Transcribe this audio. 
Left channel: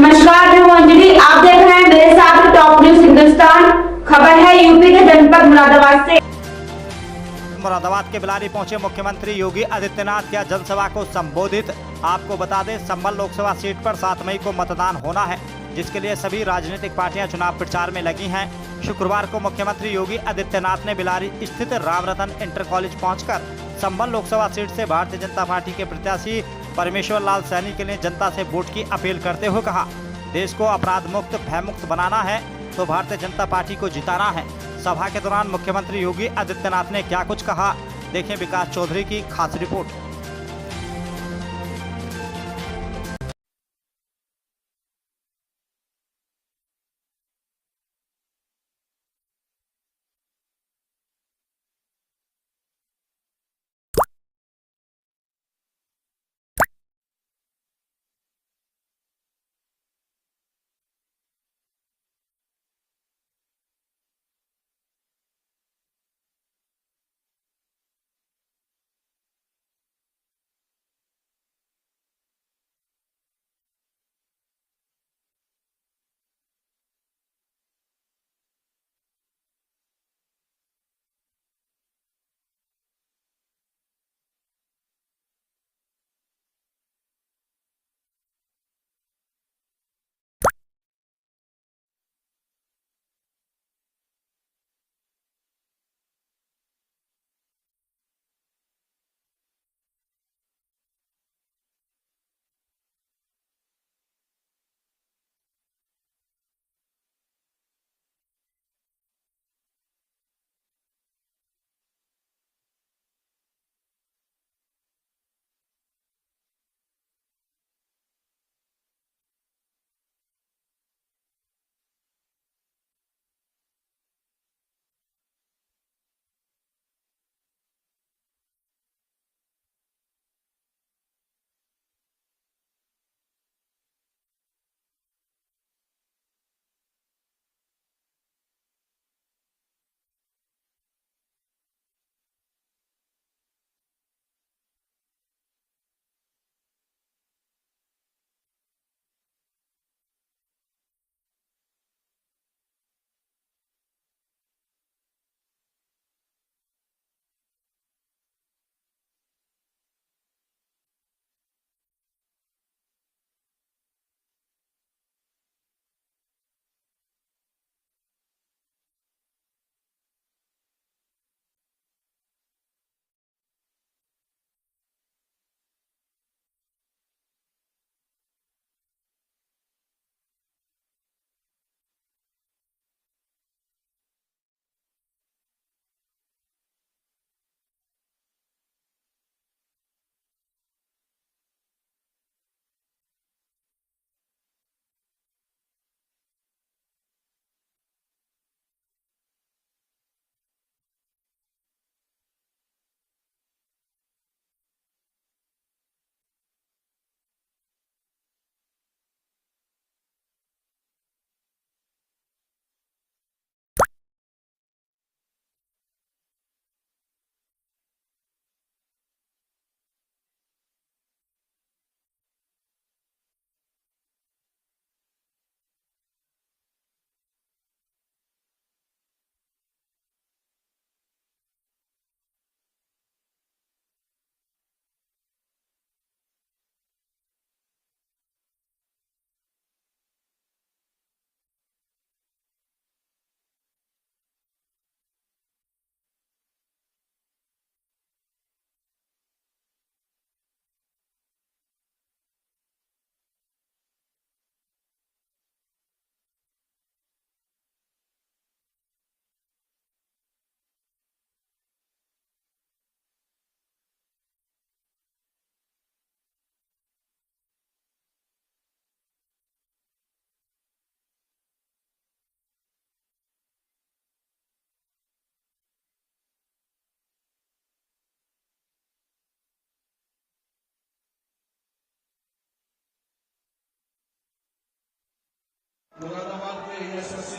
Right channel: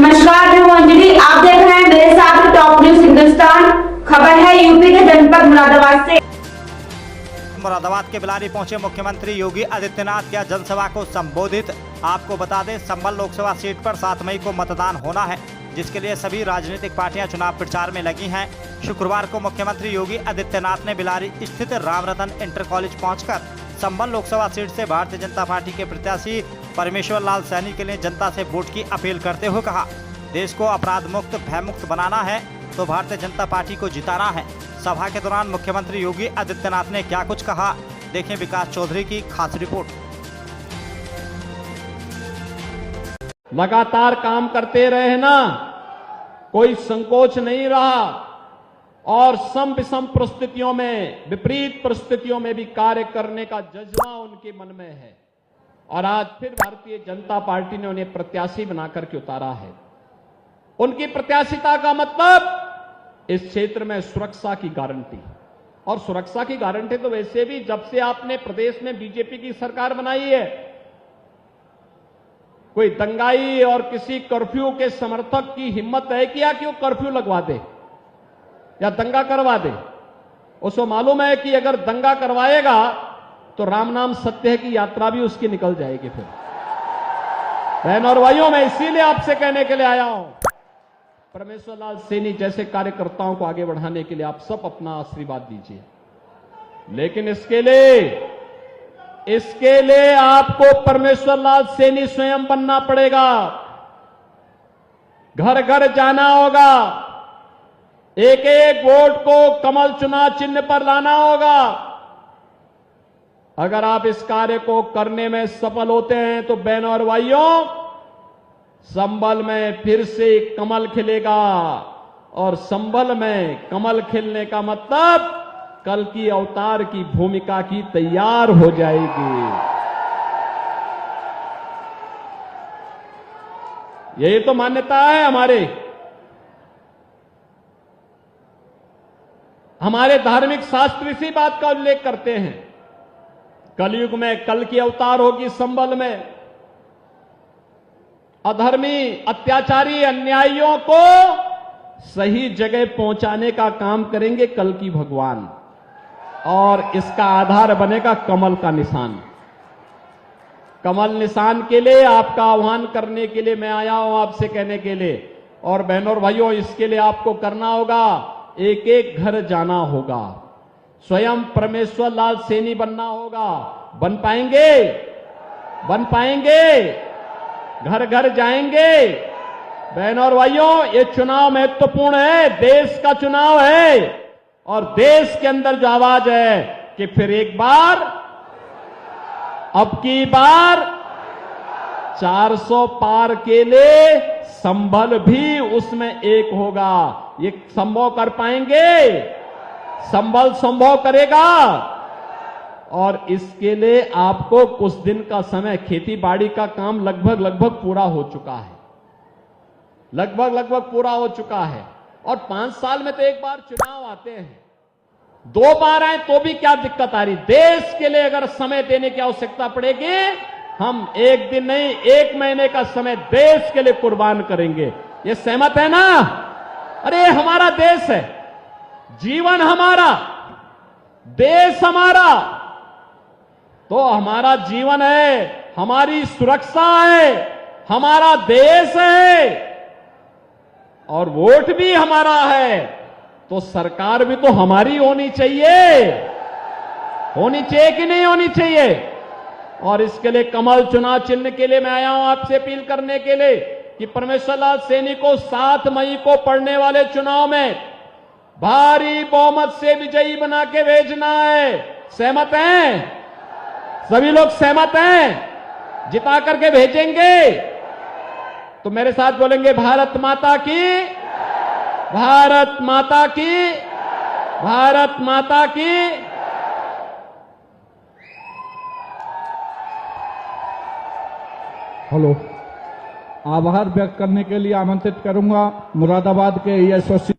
नमस्कार, मैं हूं अंजलि। आप देख रहे हैं मेरे साथ टॉप न्यूज हिंदुस्तान। खबर है यूपी के जनपद मुरादाबाद से। मुरादाबाद के बिलारी पहुंचे मुख्यमंत्री योगी आदित्यनाथ किया जनसभा को संबोधित। आपको बता दें, संभल लोकसभा सीट पर 7 मई को मतदान होना है, जिसके लिए सभी राजनीतिक पार्टियां चुनाव प्रचार में लगी हैं। शुक्रवार को मुख्यमंत्री योगी आदित्यनाथ ने बिलारी स्थित रामरतन इंटर कॉलेज पहुंचकर संभल लोकसभा सीट से भारतीय जनता पार्टी के प्रत्याशी परमेश्वर लाल सैनी के लिए जनता से वोट की अपील करते हुए कहा, देश को अपराध मुक्त भय मुक्त बनाना है तो भारतीय जनता पार्टी को जिताना है। सभा के दौरान मुख्यमंत्री योगी आदित्यनाथ ने क्या कुछ कहा, देखें विकास चौधरी की खास रिपोर्ट। लगातार काम करते रहे ना, कोई संकोच नहीं रहा और सम विषम परिस्थितियों में, विपरीत परिस्थितियों में भी कार्य करने का जज्बा उनके मन में है और आज फिर भारतीय जनता पार्टी ने उन्हें प्रत्याशी बनाकर के उतारा है। उनकी प्रत्याशिता का मतलब इस क्षेत्र में सुरक्षा की गारंटी, और सुरक्षा की गारंटी तो वैसे भी जब से आपने प्रदेश में बीजेपी की सरकार बनाई है, कोई दंगाई और किसी कर्फ्यू के समर्थक की हिम्मत है क्या कि वो कर्फ्यू लगवा दे या दंगा करवा दे। उसको मालूम है कि अगर दंगा करवाएगा तो राम नाम सत्य है की यात्रा भी उसकी निकल जाएगी। फिर बहन और भाइयों, मैं इसीलिए आपसे कहने के लिए आया हूं, परमेश्वर लाल सैनी जैसे कार्यकर्ताओं को आगे बढ़ाने के लिए आप सब अपना आशीर्वाद दीजिए। लेकिन इसके लिए आपको परमेश्वर लाल सैनी स्वयं बनना पड़ेगा। घर घर जाना होगा, एक एक वोट को कमल चुनाव चिन्ह पर लाना होगा। अगर आप इस कार्य को करने में सफल होते हैं तो बहनों और भाइयों, संभल में फिर से कमल खिलेगा और संभल में कमल खिलने का मतलब कल की अवतार की भूमिका की तैयार हो जाएगी। यही तो मान्यता है हमारे धार्मिक शास्त्र इसी बात का उल्लेख करते हैं। कलयुग में कल की अवतार होगी संभल में। अधर्मी, अत्याचारी, अन्यायियों को सही जगह पहुंचाने का काम करेंगे कल की भगवान, और इसका आधार बनेगा कमल का निशान। कमल निशान के लिए आपका आह्वान करने के लिए मैं आया हूं, आपसे कहने के लिए। और बहनों और भाइयों, इसके लिए आपको करना होगा, एक एक घर जाना होगा, स्वयं परमेश्वर लाल सैनी बनना होगा। बन पाएंगे, घर घर जाएंगे। बहनों और भाइयों, ये चुनाव महत्वपूर्ण है, देश का चुनाव है और देश के अंदर जो आवाज है कि फिर एक बार, अब की बार 400 पार के लिए संभल भी उसमें एक होगा। ये संभव कर पाएंगे, संभल संभव करेगा। और इसके लिए आपको कुछ दिन का समय, खेती बाड़ी का काम लगभग पूरा हो चुका है, लगभग पूरा हो चुका है। और 5 साल में तो एक बार चुनाव आते हैं, 2 बार आए तो भी क्या दिक्कत आ रही। देश के लिए अगर समय देने की आवश्यकता पड़ेगी, हम 1 दिन नहीं 1 महीने का समय देश के लिए कुर्बान करेंगे। ये सहमत है ना? अरे हमारा देश है, जीवन हमारा, देश हमारा, तो हमारा जीवन है, हमारी सुरक्षा है, हमारा देश है और वोट भी हमारा है, तो सरकार भी तो हमारी होनी चाहिए कि नहीं होनी चाहिए। और इसके लिए कमल चुनाव चिन्ह के लिए मैं आया हूं आपसे अपील करने के लिए कि परमेश्वर लाल सैनी को 7 मई को पड़ने वाले चुनाव में भारी बहुमत से विजयी बना के भेजना है। सहमत हैं? सभी लोग सहमत हैं? जिता करके भेजेंगे तो मेरे साथ बोलेंगे, भारत माता की, भारत माता की, भारत माता की। हेलो, आभार व्यक्त करने के लिए आमंत्रित करूंगा मुरादाबाद के एसओसी